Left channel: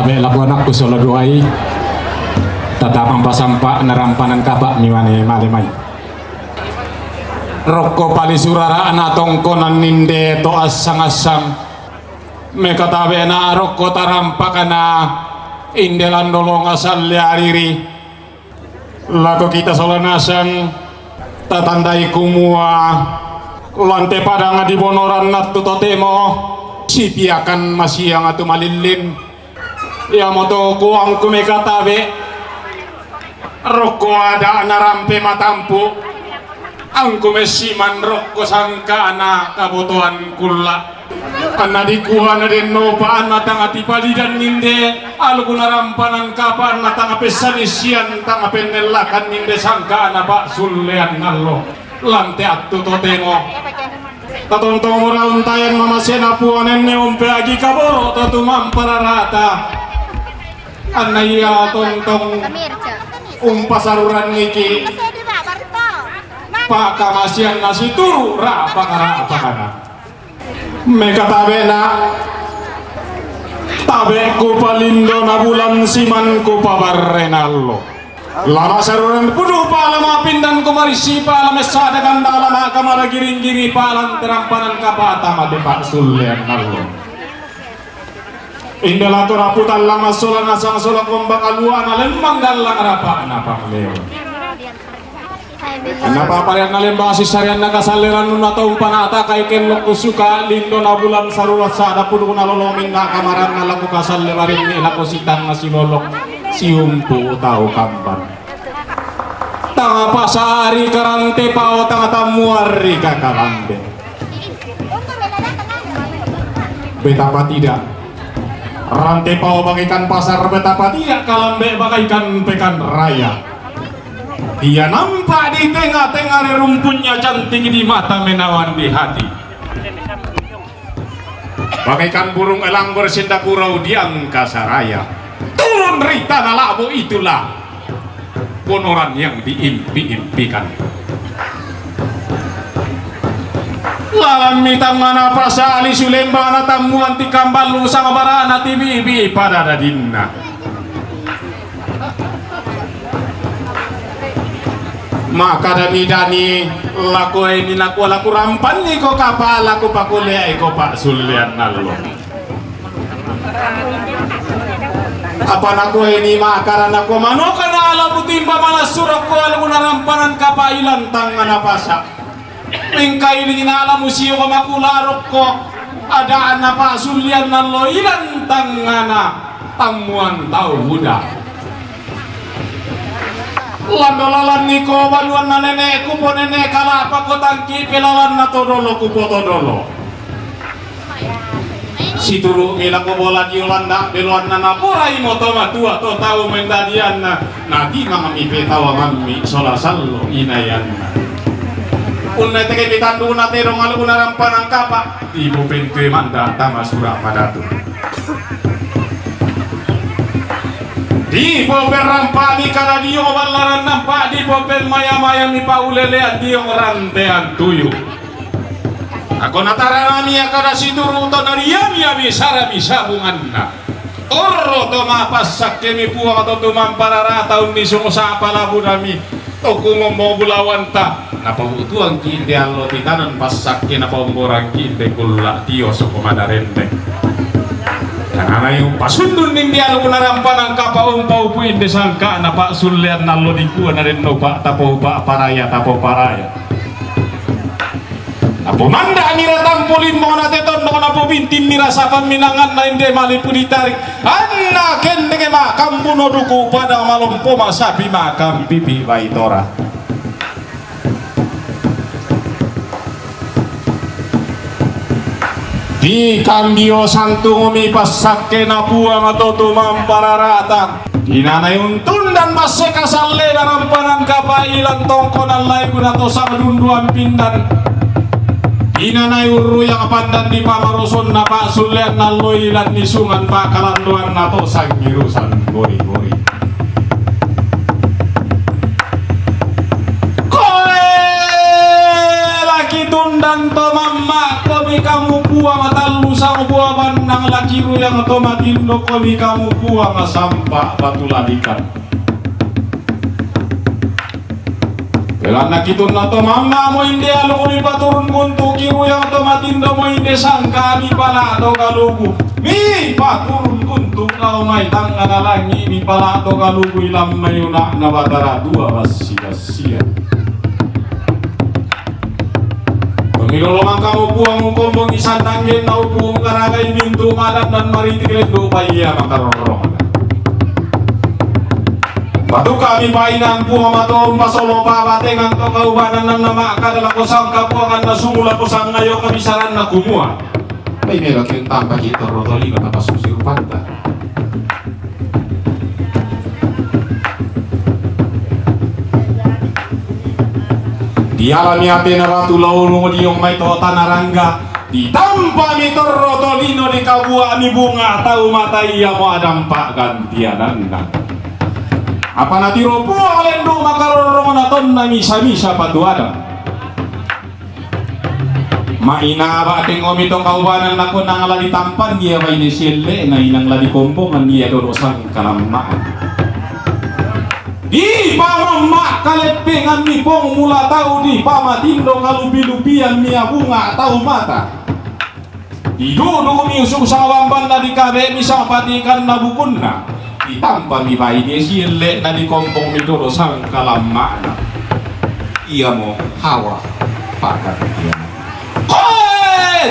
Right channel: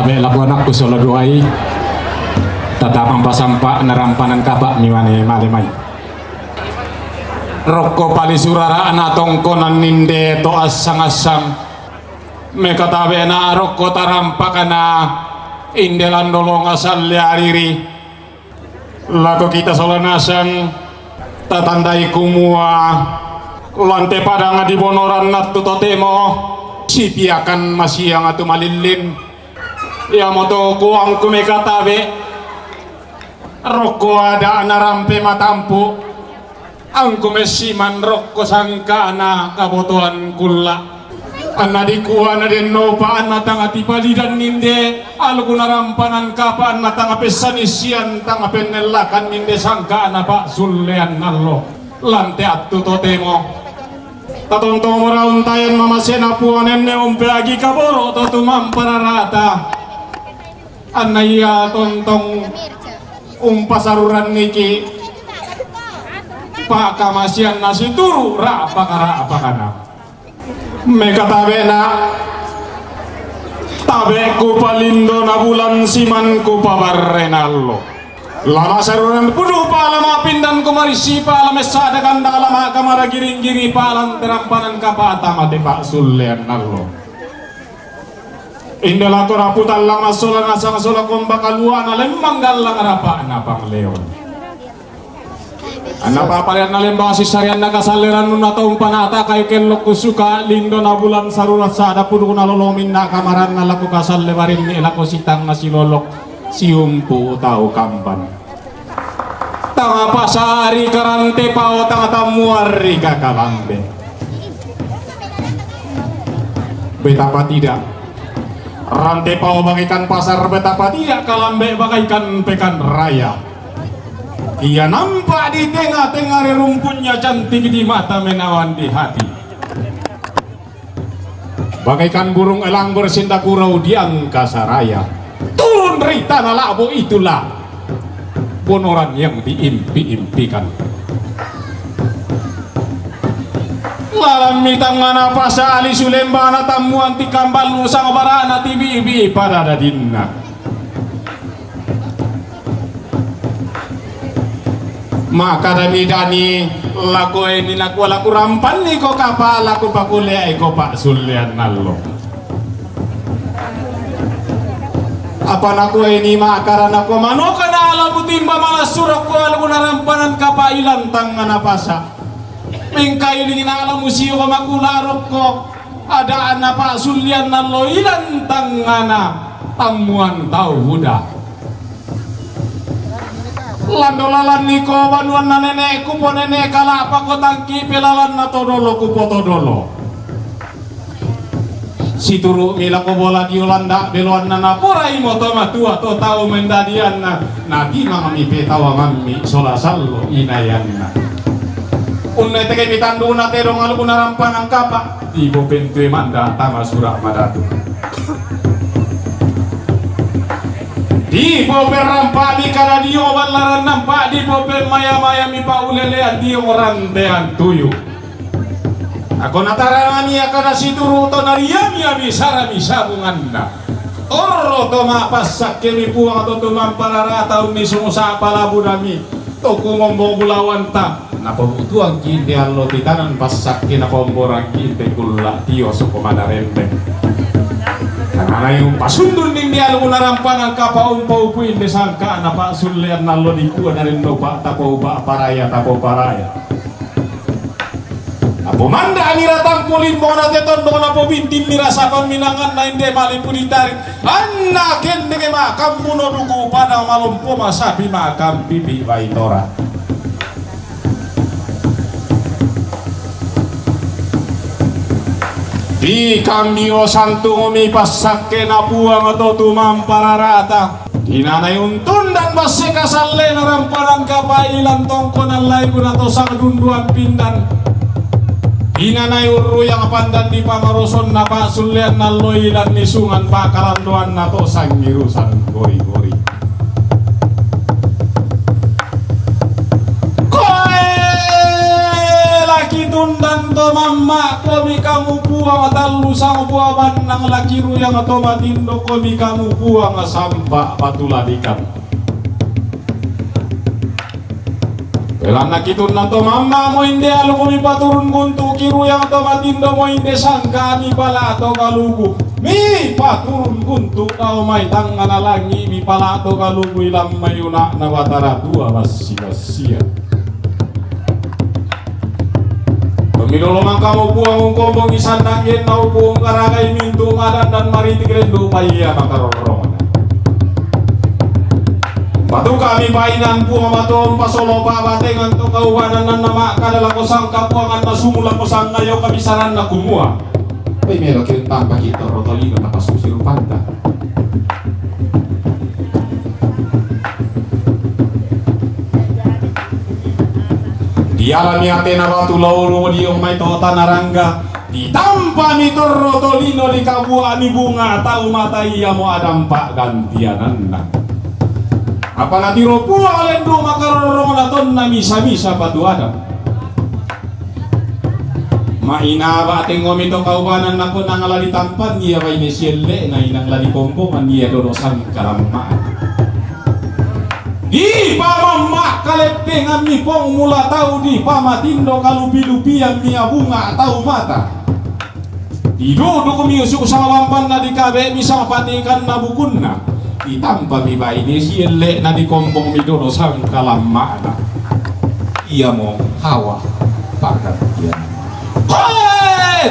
tabe labuanak ko solo duai tatapang pasampa narampanan kaba miwane malimay rokko pali surara anatong konan ninde to asang-asang me katabe na rokko tarampakana indelan dolong asal liariri lako kita solanasang tatandai kumua lante padang di bonoran natu totemo sipiakan masih yang atu malilin ya moto kuang kumekatabe rokko ada narampe matampu angku mesiman rokko sangkana kabutuhan kula anna dikuha na den nopa anna tanga tipali dan ninde alku narampanan kapa anna tanga pesanisian tanga penelakan ninde sangkana pak sulean nallo lante attu totemo tatontong rauntayan mamasena puanen ne umpe agi kaboro totumam pararata anna iya tontong umpasaruran niki pak kamasian nasi turu ra apa kana meka tabena tabe ku palindo na bulan siman ku pabarrenallo lama saruran puduh palama pindan kumarisi palama sadakan lama kamara giring-giri palan terampanan kapata made pak sulean nallo indela to raputan lama solan asang solan kombakaluan lembang galang rapa napa leon anapa parian lembang sisarian naga saleran nuna taum panata kayu kenlok kusuka lindo na bulan sarurat sada puduh na lolomin na kamaran na laku kasal lebarin ni lako sitang na silolok siumpu tau kamban tanga pasari karante pao tanga tamuari kakalande betapa tidak rantai pao bagaikan pasar betapa tidak kalambe bagaikan pekan raya dia nampak di tengah-tengah rumputnya cantik di mata menawan di hati bagaikan burung elang bersindak kurau di angkasa raya turun dari tanah labu itulah bonoran yang diimpi-impikan lalami tangan apa sali sulembana tamuan ti kambal usang barana ti bibi pada dadinna maka dani laku ini laku rampan ni ko kapal laku pakule ko pak sulian nallo apa naku ini makaran aku mano kana ala butimba malas surok ko alu narampanan kapailan tangan apasa mengkai ini ala musio ko makularok ko ada anak pak sulian nallo ilan tangana tamuan tau buda landolalan niko baluan na nenek kupo nenek kalapa ko tangki pelalan na todolo kupo todolo situru mila ko bola di Yolanda beluan na napurai moto matua to tau mendadian na nadi mangami petawa mami sola sallo inayan na unai teke pitandu na terong alu narampan ang kapa ibu pentue manda tama surak madatu di popel rampak di karadio balaran nampak di popel maya-maya mi paulelean di rantean tuyu ako natarami akada situru to nariami ami sarami sabunganna torro to mapasak kemi puang to tumang parara taun ni sungusa palabu nami to kumombo bulawan ta napa tuang kinde allo titanan pasak kina pomborang kinde kulla tio so komadarente karena yung pasundun ning dia lu narampan ang kapaong paupuin desangka na pak sulian nallo di kuan na rin no pak tapo pak paraya tapo paraya apo manda miratang pulin mo na deton no na po bintim mirasa paminangan na hindi malipulitari anna kende ke makam buno duku pada malompo masabi makam bibi baitora di kambio santung umipasak na buang atau tumang pararata dinanay untun dan base kasalle narampanan kapailan tongkon alay kunato sa kadunduan pindan dinanay uru yang pandan di pamaroson na pasulian na loilan nisungan pakalanduan nato sangirusan gori-gori koe laki tundan to mama ko mi kamu buang atalu sang buaban nang lakiru yang otomatindo ko mi kamu buang sampah batuladikan. Pelana kitun na to mama mo hindi alo ko mi paturun guntu kiru yang otomatindo mo hindi sangka mi pala to kalugu. Mi paturun guntu kau may tangan alangi mi pala to kalugu ilam mayuna na batara dua basi-basian. Pemilolongan kamu buang kombong isandangin na buang karagay mintu madan dan maritik lendo paya makarorong. Batu kami painan buang matuang pasolo pabatengan to kaubanan na nama kadala kosang kapuangan na sumula kosang ngayo kabisaran na kumua. Pay mero kaya tampa kita rotolino na pasusir panda. Di alami ate na ratu lauro di yung may tota narangga. Di tampa mi torrotolino di kabua mi bunga tau matai mo adampa gantianan. Apa natiro puang lendo makarorong naton na misa-misa paduada. Maina bateng ngomitong kaubanan nako nang ladi tampan dia kay nesile na inang ladi kompongan dia dorosan kalamaan. Di pamama kalepeng ami pong mula tau di pamatindo kalupi-lupian mia bunga tau mata. Di dodo miusuk sa wamban na di kabe misang patikan na bukunna. Itampa mi bayi nesile na di kompong mi dorosan kalamaan. Iya mo hawa pakat dia.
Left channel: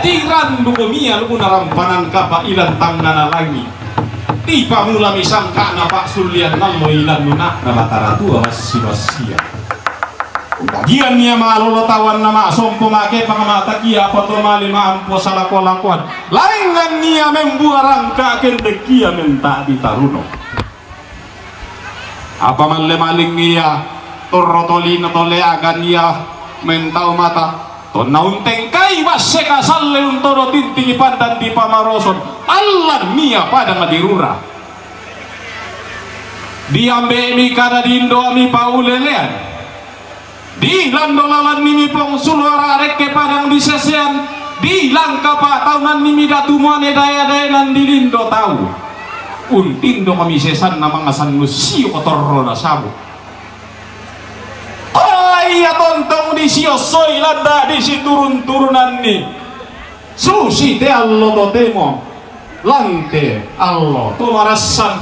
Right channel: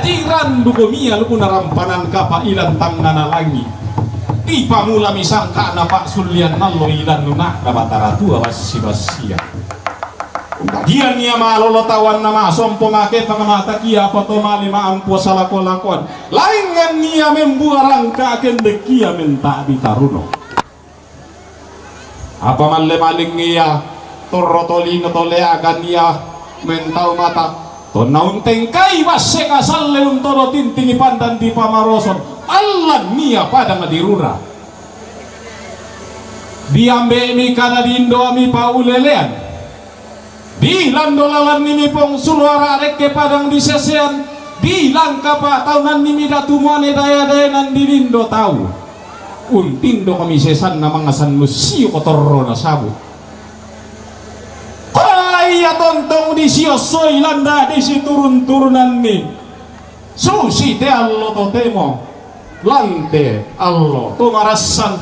Tiran duko mia luku narampanan kapa ilan tangan lagi. Di pamula misangka na pak sulian nalo ilan nuna na batara tua basi-basia. Dagian niya malolotawan na masompo make pangamata kia pato mali maampo sa lakwa-lakwan. Laingan niya membuarang kakendek kia menta di taruno. Apa maling niya torrotolino toleagan niya mentau mata. Tonaunteng kai wasek asal leun toro tintingi pandan di pamaroson allan mia pada ngadirura diambe mi kada dindo mi paulelean di landolalan nimi pong sulwara reke padang di sesean di langka pa taunan nimi datumane daya-dayanan di lindo tau untindo kami sesan na mga sanmusio kotorro na sabo. Iya tontong di siosoy landa di si turun-turunan ni susi te allo to temo lante allo to marasan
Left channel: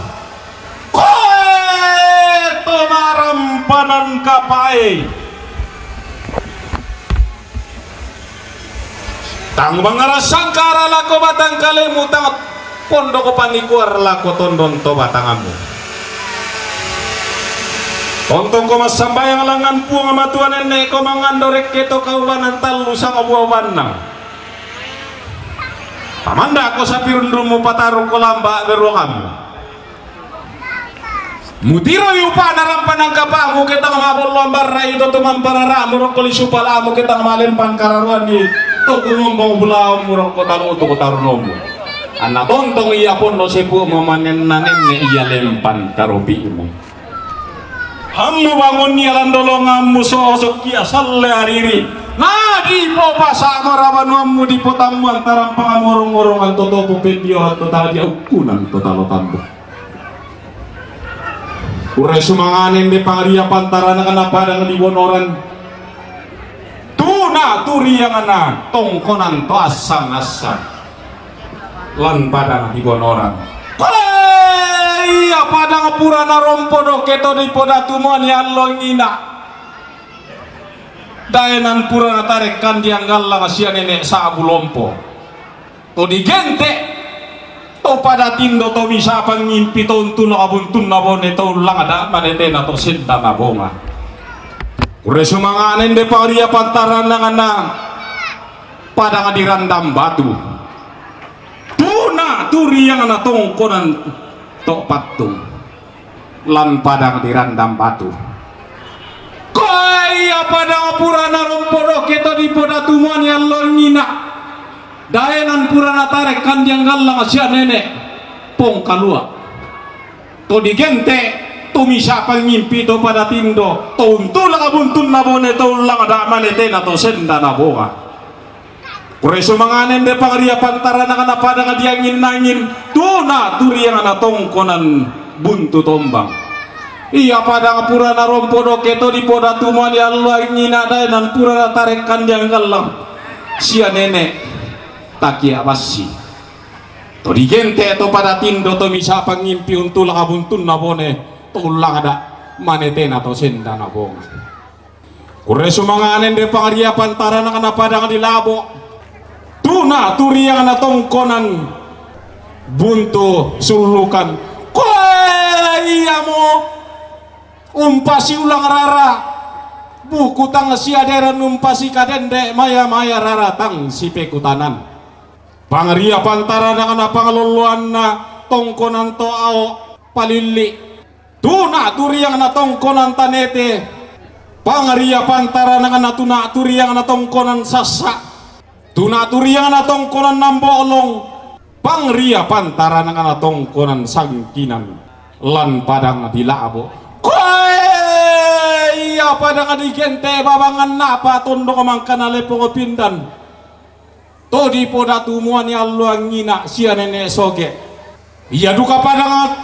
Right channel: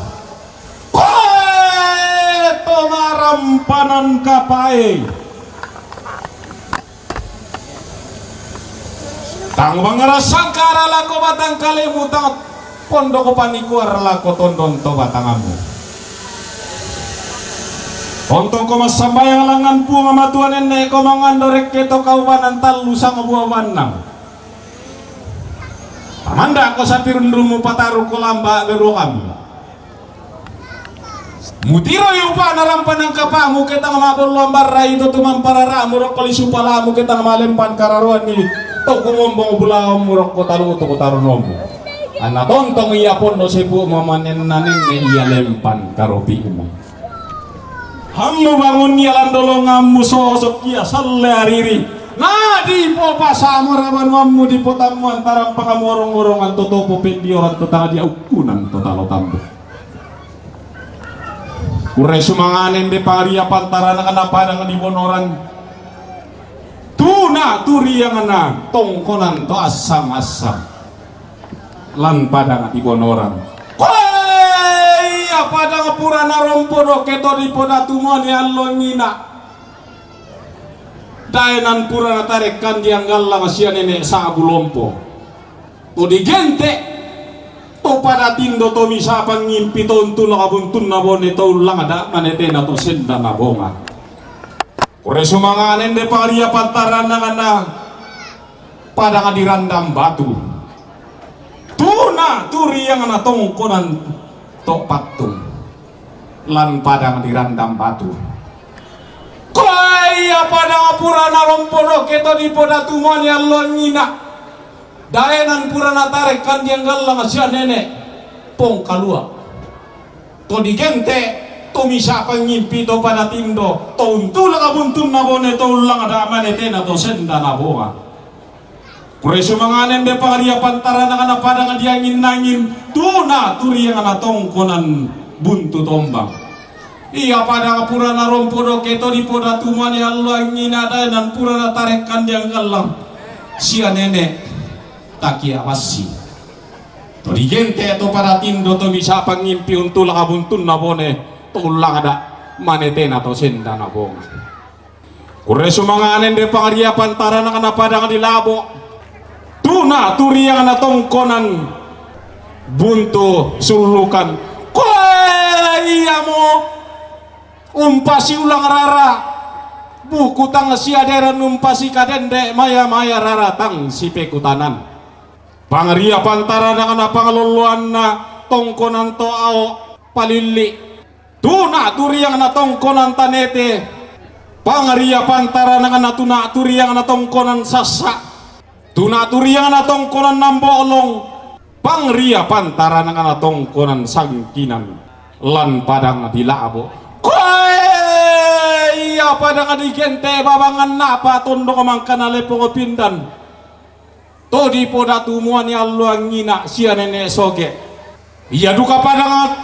to marampanan kapai tang mangarasan karala ko batang kalemu tang pondo ko panikuar lako tondon to batangamu. Untuk ko masambayang langan po nga matuanan na ikaw mangandorek keto kaubanan talu sa kabuaban na. Pamanda ako sa pirundrum mo pataro ko lamba garo kamo. Mutiro yung pa narampan ng kapamu kita nga mabol lambar na ito tumamparara murok ko lisu pala mo kita nga malimpan kararuan ni to kumumbang bulaw murok ko talo to ko tarunom mo. Anatontong iya pon no sipu mo manen nanin ni iya lempan karobi mo. Hammu bangun niya landolongamu sosok kia salle hariri nadi po pasama rabanwamu di potamu antara pangamorong-orongan totopo pendioran totala di aukunan totalo tambo uray sumanganen de pangaria pantara na kanapadang di bonoran tuna turiang na tongkonan to asang-asang lan padang di bonoran iya pada purana rompono keto di podatumon yang longina daenan purana tarekan diang galang sia nenek sa abulompo to digente to pada tindo to misa pangimpi to untu nakabuntun na bone to ulang ada manete na to senda na bonga kure sumanganen de paria pantaran na kanang pada ngadirandam batu tuna turiang na tongkonan tok patung lan padang dirandam batu kaya pada purana rompono keto di podatumon yang longina daenan purana tarik kan yang galang asia nenek pong kalua to digente to misa pangimpi to pada tindo to untula kabuntun na bone to ulang ada manete na to senda na boga Kureso manganen de pangaria pantara na padang diangin nangin tuna turi yang ana tongkonan buntu tombang. Iya pada pura na rompo do keto di poda tuman ya Allah ngina dai nan pura na tarekan yang galang. Sia nenek takia basi. To di gente to pada tindo to misa pangimpi untul kabuntun na bone tulang ada manetena to senda na bong. Kureso manganen de pangaria pantara na padang di labo. Tuna turi yang ana tongkonan buntu sulukan iya mo umpasi ulang rara buku tang si aderan umpasi kadende maya maya rara tang si pekutanan pangaria pantara na ana pangaluluan na tongkonan to ao palili tuna turi yang ana tongkonan tanete pangaria pantara na ana tuna turi yang ana tongkonan sasa tuna turiang na tongkonan nambolong pangria pantara na tongkonan sangkinan lan padang dilabo iya padang di gente babangan napa tondo kamangkan alepo pindan to di poda tumuan ya Allah ngina sia nenek soge iya duka padang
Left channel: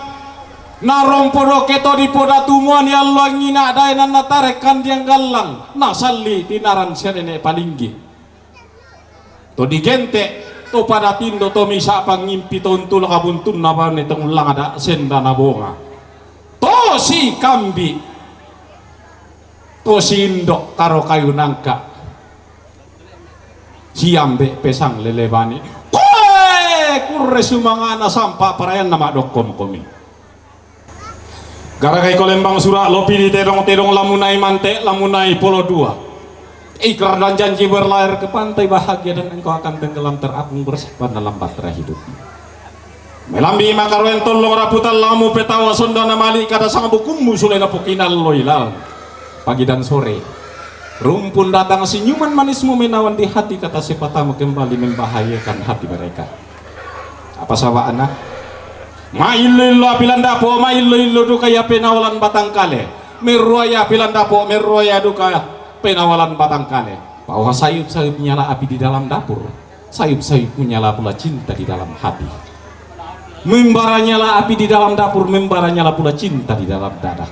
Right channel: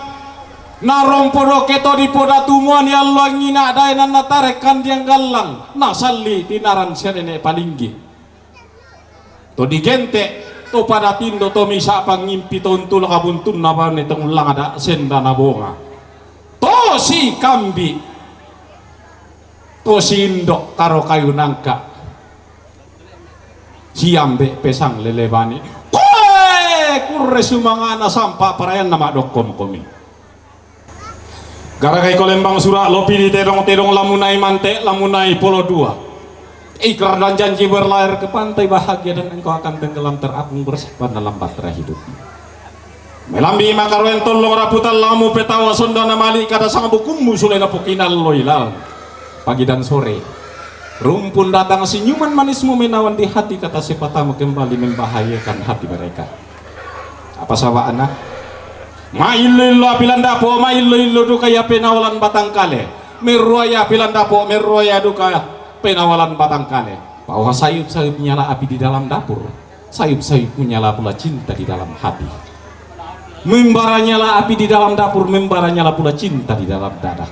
narong podo keto di poda tumuan ya Allah ngina dainan natarekan diang galang nasalli tinaran sia nenek palinggi to di gente to pada tindo to misa pangimpi to untul kabuntun na ba nitong lang ada senda na bonga to si kambi to si indok karo kayu nangka siambe pesang lelebani kurre sumangana sampa parayan nama dokkom komi gara kay kolembang sura lopi di terong lamunai mante lamunai polo dua ikrar dan janji berlayar ke pantai bahagia dan engkau akan tenggelam terapung bersama dalam bahtera hidup. Melambi makaroen tolong raputan lamu petawa sondana mali kada sang bukumu sulena pukinal loilal. Pagi dan sore rumpun datang senyuman manismu menawan di hati kata sepatamu kembali membahayakan hati mereka. Apa sawa anak? Mailillo pilandapo mailillo duka ya penawalan batang kale. Meruaya pilandapo meruaya duka penawalan batang kale bahwa sayup-sayup menyala api di dalam dapur, sayup-sayup menyala pula cinta di dalam hati. Membara nyala api di dalam dapur, membara nyala pula cinta di dalam dada.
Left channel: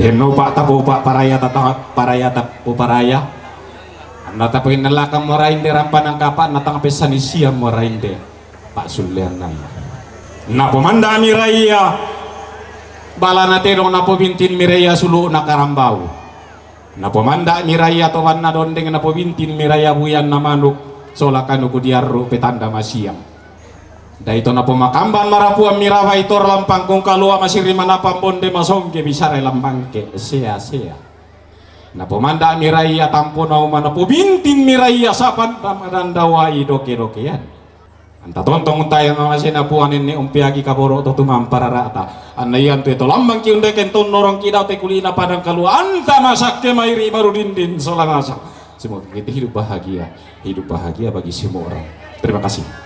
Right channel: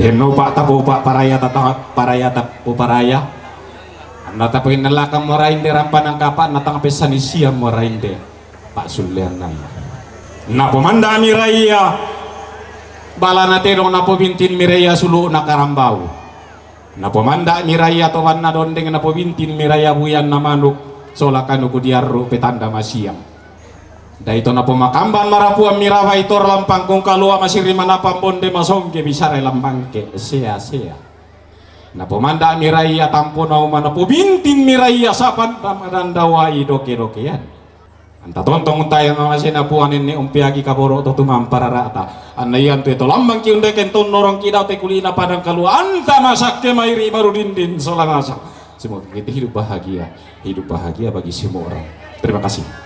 Deno pak tapo pak paraya tatang paraya tapo paraya. Anda tapoin nelakam morain de rampanang kapan natang pesani siam morain de Pak Sulian nama. Napo manda miraya balana terong napo bintin miraya sulu nakarambau. Napo manda miraya to wanna dondeng napo bintin miraya buyan na manuk solakan uku diarru petanda masiam daito napo makamban marapuan mirawa itor lampang kung kalua masiri manapang bonde masongke bisare lampangke sea napo manda miraya tampo nauma napo bintin miraya sapan ramadan dawai doke-dokean anta tontong tayo mga sinapuanin ni umpiagi kaboro to tumampara rata anayan to ito lambang kiunde kenton norong kidaw te kulina padang kalua anta masak ke mairi marudindin solamasak semoga kita hidup bahagia bagi semua orang. Terima kasih.